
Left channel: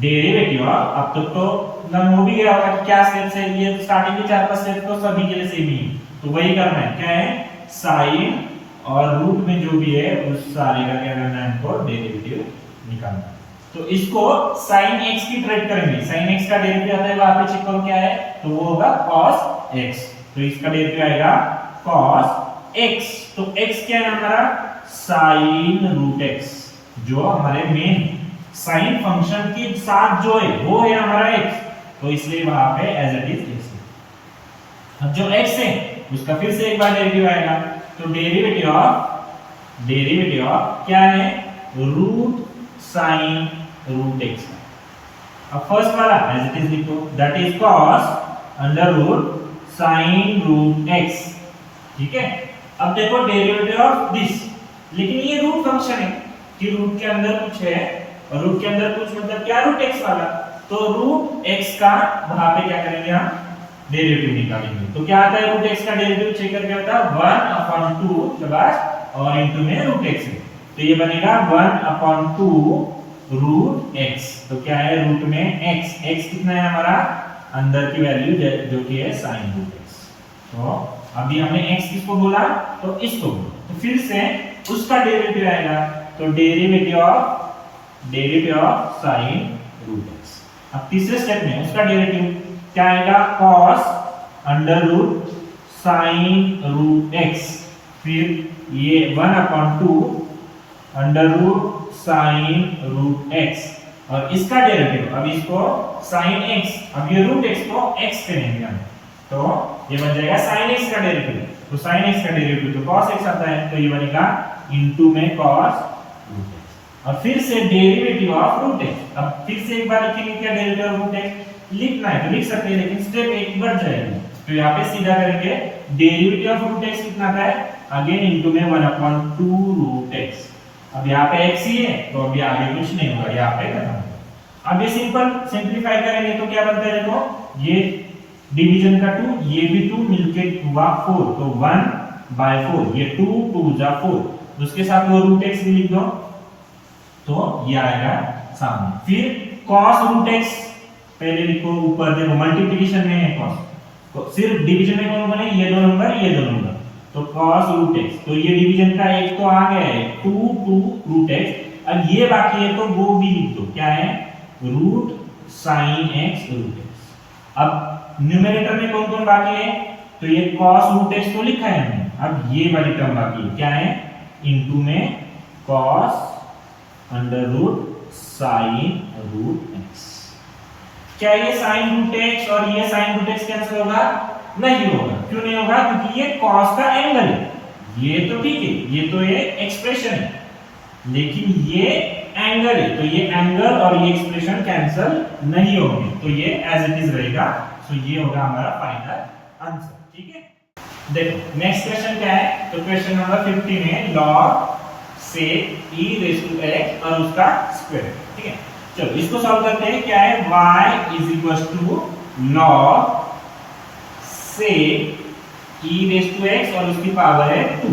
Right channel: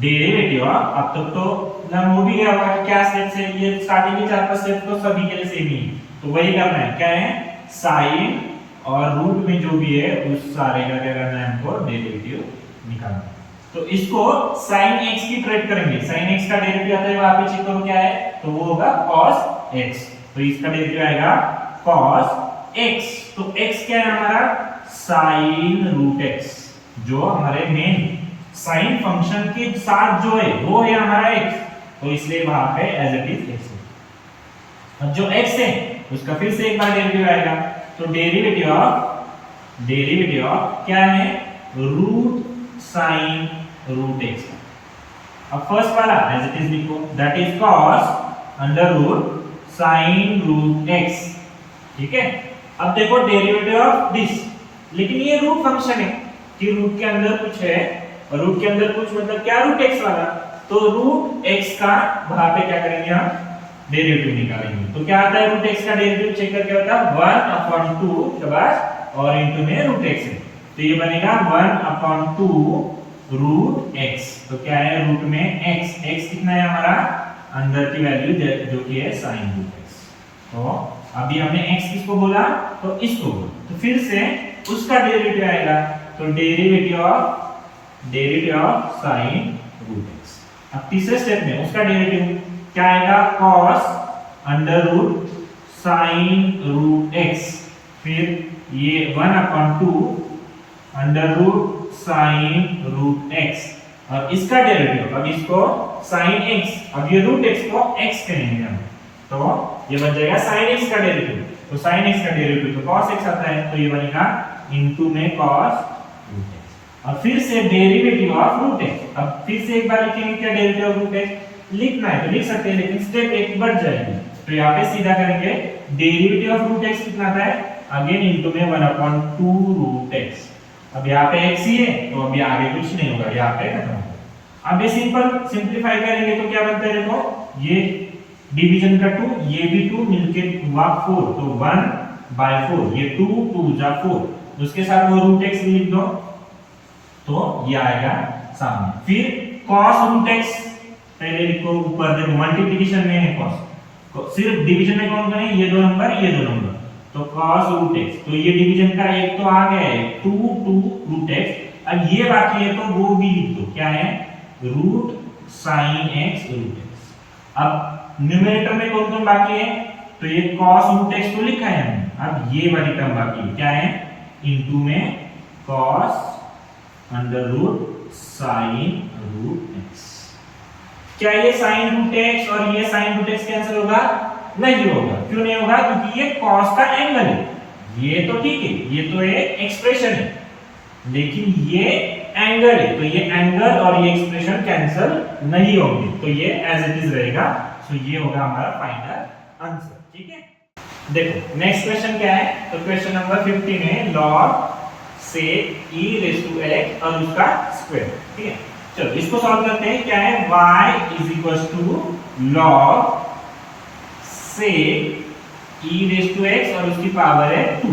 derivative of, अब तक तो नम हो भी गया होगा कि क्या स्टेप्स है, ये स्टार्टिंग के 4-5 स्टेप तो सभी के लिए सेम ही, तो वही करना है, क्या है साइन और रूट में जो भी है उस सारे का क्या करना है हमको डेरिवेटिव निकालना है। तो इसको sin x की ट्रेड करेंगे, sin x का डेरिवेटिव आता है वहां पे चेक करो क्या है, तो वो होगा cos x, तो इसका डेरिवेटिव आएगा cos x, तो x क्या है हमारा sin रूट x, जो हमारे मेन sin फंक्शन के साथ जो है वो है हमारा x, तो इसलिए वहां पे एज इट इज x है। अब जो x है उसका फिर से एक बार डेरिवेटिव आएगा, तो डेरिवेटिव ऑफ क्या है रूट साइन रूट x। अब फर्स्ट वाला एज इट इज लिखो, that is cos under root sine root x, ठीक है। अब देखो डेरिवेटिव ऑफ दिस, लेकिन ये रूट फंक्शन है कि रूट के अंदर कुछ है और रूट के अंदर कुछ मतलब क्या रूट x वाला, तो रूट x का वहां पे क्या करेंगे हम डेरिवेटिव निकालेंगे, तो क्या आता है रूट x का डेरिवेटिव चेक करके होता है 1/2 शाबाश और इनटू में रूट x है, तो ये बनेगा 1/2 रूट x, तो क्या है रूट में x कितना है हमारा अंदर की वैल्यू जो कि है sin रूट x, तो अभी हमने x किसको बोला, तो इसको बोला, तो फिर से उसका डेरिवेटिव आएगा, तो derivative of sin root x। अब तीसरे स्टेप में उसका डेरिवेटिव क्या आएगा cos under root sin root x, फिर ये 1/2 under root sin root x, और इसका डेरिवेटिव अब इसको sin x, अब ये रूट x को x कहेंगे हम, तो ये बन जाएगा sin x का डेरिवेटिव, तो sin x का डेरिवेटिव तो cos x आता है, तो ये बनेगा इनटू में cos रूट x, और फिर से डेरिवेटिव ऑफ रूट x। अब फिर से एक बार लिखेंगे क्या डेरिवेटिव ऑफ रूट x, लिखना है तो लिख सकते हैं, लेकिन स्टेप एक बढ़ जाएगी, तो यहाँ पे सीधा करेंगे डेरिवेटिव ऑफ रूट x कितना आता है अगेन इनटू में 1/2 रूट x। अब यहाँ पे x ही है तो अभी आगे कुछ नहीं होगा, यहाँ पे खत्म हो गया। अब ये सिंपल सिंपलीफाई करेंगे तो क्या बनता है, देखो ये डिवीजन का 2, ये भी 2 मिलके हुआ 4, तो 1/4, ये 2 जा 4, उसके साथ वो रूट x भी लिख दो, तो ये आएगा सामने। फिर cos रूट x पहले लिखो, ऊपर देखो मल्टीप्लिकेशन में है cos, सिर्फ डिवीजन में कौन बने, ये दो नंबर, तो cos रूट x, तो ये डिवीजन का एक तो आ गया है 2 रूट x, अब ये बाकी है तो वो भी लिख दो, क्या है root sin x root x। अब न्यूमरेटर में कौन कौन बाकी है, तो ये cos रूट x तो लिखा है हमने, अब ये वाली टर्म बाकी है, क्या है इनटू में cos under root sin root x। क्या ये sin रूट x और ये sin रूट x कैंसिल होगा, नहीं होगा, क्यों नहीं होगा, क्योंकि ये cos का एंगल है, ये तो ठीक है, ये तो एक एक्सप्रेशन है, लेकिन ये एंगल है, तो ये एंगल और ये एक्सप्रेशन कैंसिल नहीं होंगे, तो ये एज इट इज रहेगा, सो ये होगा हमारा फाइनल आंसर, ठीक है। देखो नेक्स्ट क्वेश्चन क्या है, तो क्वेश्चन नंबर 50 में log से e रेज़ टू x और उसका स्क्वायर, ठीक है। चलो इसको सॉल्व करते हैं, क्या है y is equals to log से e रेज़ टू x और उसकी पावर है 2।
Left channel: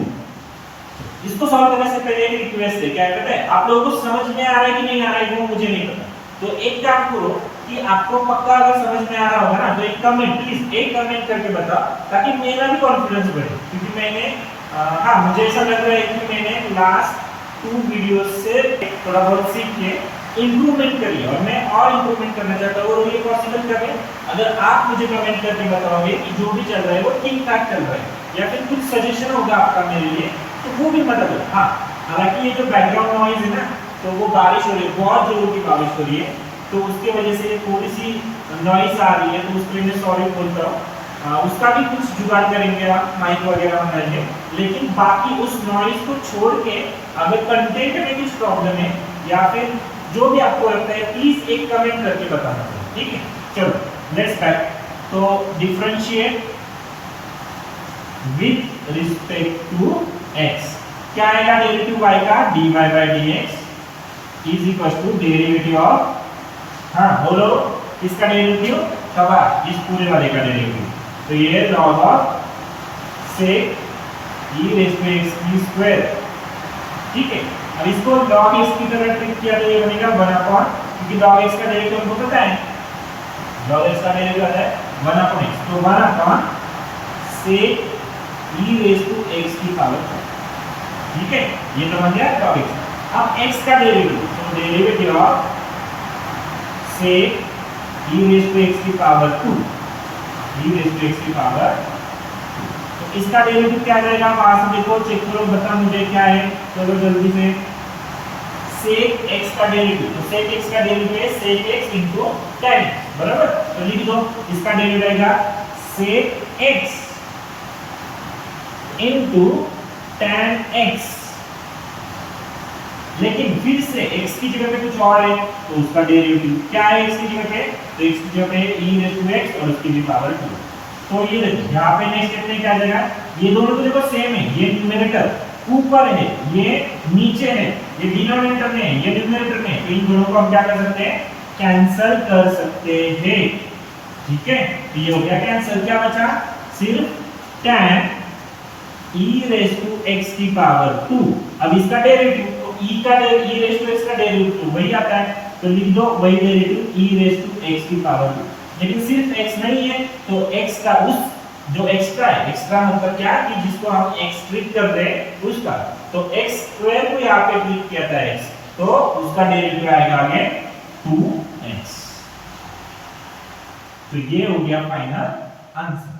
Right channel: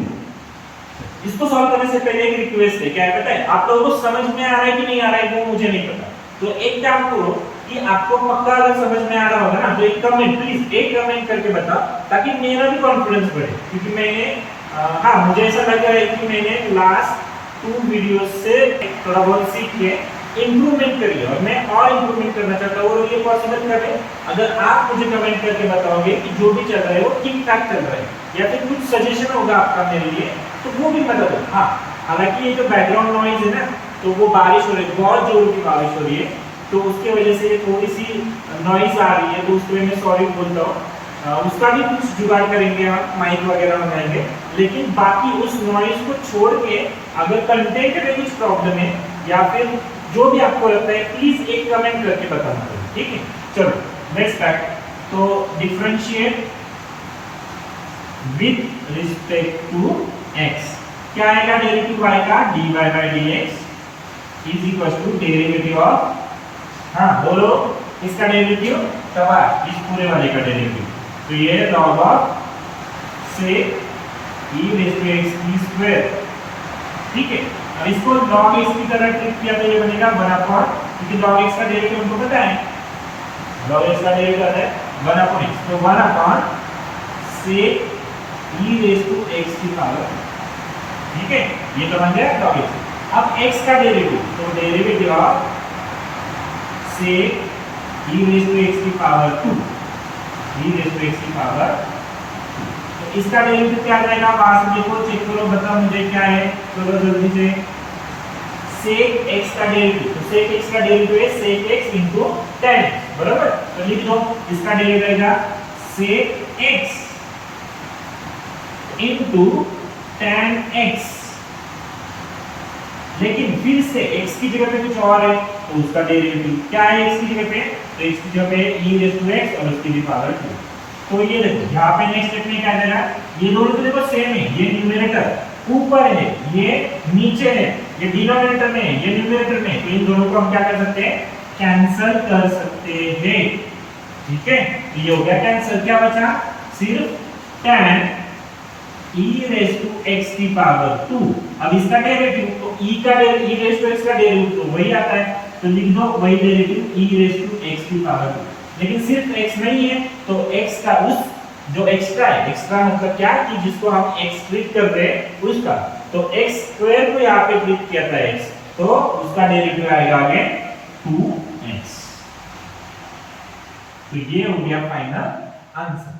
इसको सॉल्व करने से पहले एक रिक्वेस्ट है, क्या पता है आप लोगों को समझ में आ रहा है कि नहीं आ रहा है वो मुझे नहीं पता, तो एक काम करो कि आपको पक्का अगर समझ में आ रहा होगा ना तो एक कमेंट प्लीज एक कमेंट करके बताओ, ताकि मेरा भी कॉन्फिडेंस बढ़े, क्योंकि मैंने हाँ, मुझे ऐसा लग रहा है कि मैंने लास्ट 2 वीडियोस से थोड़ा बहुत सीख के इम्प्रूवमेंट करी है और मैं और इम्प्रूवमेंट करना चाहता हूँ और ये पॉसिबल करें अगर आप मुझे कमेंट करके बताओगे कि जो भी चल रहा है वो ठीक ठाक चल रहा है या फिर कुछ सजेशन होगा आपका मेरे लिए तो वो भी मदद हो। हाँ, हालांकि ये जो बैकग्राउंड नॉइज है ना, तो वो बारिश हो रही है, बहुत जोर की बारिश हो रही है, तो उसके वजह से थोड़ी सी नॉइज आ रही है, तो उसके लिए मैं सॉरी बोलता हूँ। उसका भी कुछ जुगाड़ करेंगे हम, माइक वगैरह मंगाएंगे, लेकिन बाकी उस नॉइज को छोड़ के अगर कंटेंट में कुछ प्रॉब्लम है या फिर जो भी आपको लगता है प्लीज एक कमेंट करके बताना, ठीक है। चलो लेट्स बैक। तो differentiate with respect to x, क्या आएगा डेरिवेटिव y का, dy by dx is equal to derivative of, हाँ बोलो इसका डेरिवेटिव कब आ, इस पूरे वाले का डेरिवेटिव, तो ये log of sec e raised to x की स्क्वायर, ठीक है। अब इसको log x की तरह ट्रीट किया तो ये बनेगा 1/, क्योंकि log x का डेरिवेटिव हमको पता है, log x का डेरिवेटिव आता है 1/x, तो 1/, sec e raised to x की पावर, ठीक है, ये तो बन गया log x। अब x का डेरिवेटिव, तो derivative of sec e raised to x की power 2, e raised to x की पावर, तो इसका डेरिवेटिव क्या आ जाएगा, वहां से देखो चेक करो, बताओ मुझे क्या है, चलो जल्दी से। sec x का डेरिवेटिव, तो sec x का डेरिवेटिव है sec x into tan x, बराबर, तो लिख दो इसका डेरिवेटिव आएगा sec x into tan x, लेकिन फिर से x की जगह पे कुछ और है, तो उसका डेरिवेटिव क्या है x की जगह पे, तो x की जगह पे e raised to x और उसकी भी पावर 2, तो ये देखो यहाँ पे नेक्स्ट स्टेप में क्या आ जाएगा, ये दोनों तो देखो सेम है, ये न्यूमरेटर ऊपर है, ये नीचे है, ये डिनोमिनेटर में है, ये न्यूमरेटर में है, तो इन दोनों को हम क्या कर सकते हैं, कैंसल कर सकते हैं, ठीक है। तो ये हो गया कैंसल, क्या बचा, सिर्फ tan e raised to x की पावर 2, अब इसका डेरिवेटिव, तो e का e raised to x का डेरिवेटिव तो वही आता है, तो लिख दो वही derivative e raised to x की पावर 2, लेकिन सिर्फ x नहीं है, तो x का उस जो एक्स्ट्रा है, एक्स्ट्रा मतलब क्या कि जिसको हम x ट्रीट कर रहे हैं उसका, तो x स्क्वायर को यहाँ पे ट्रीट किया था x, तो उसका डेरिवेटिव आएगा आगे 2x, तो ये हो गया फाइनल आंसर।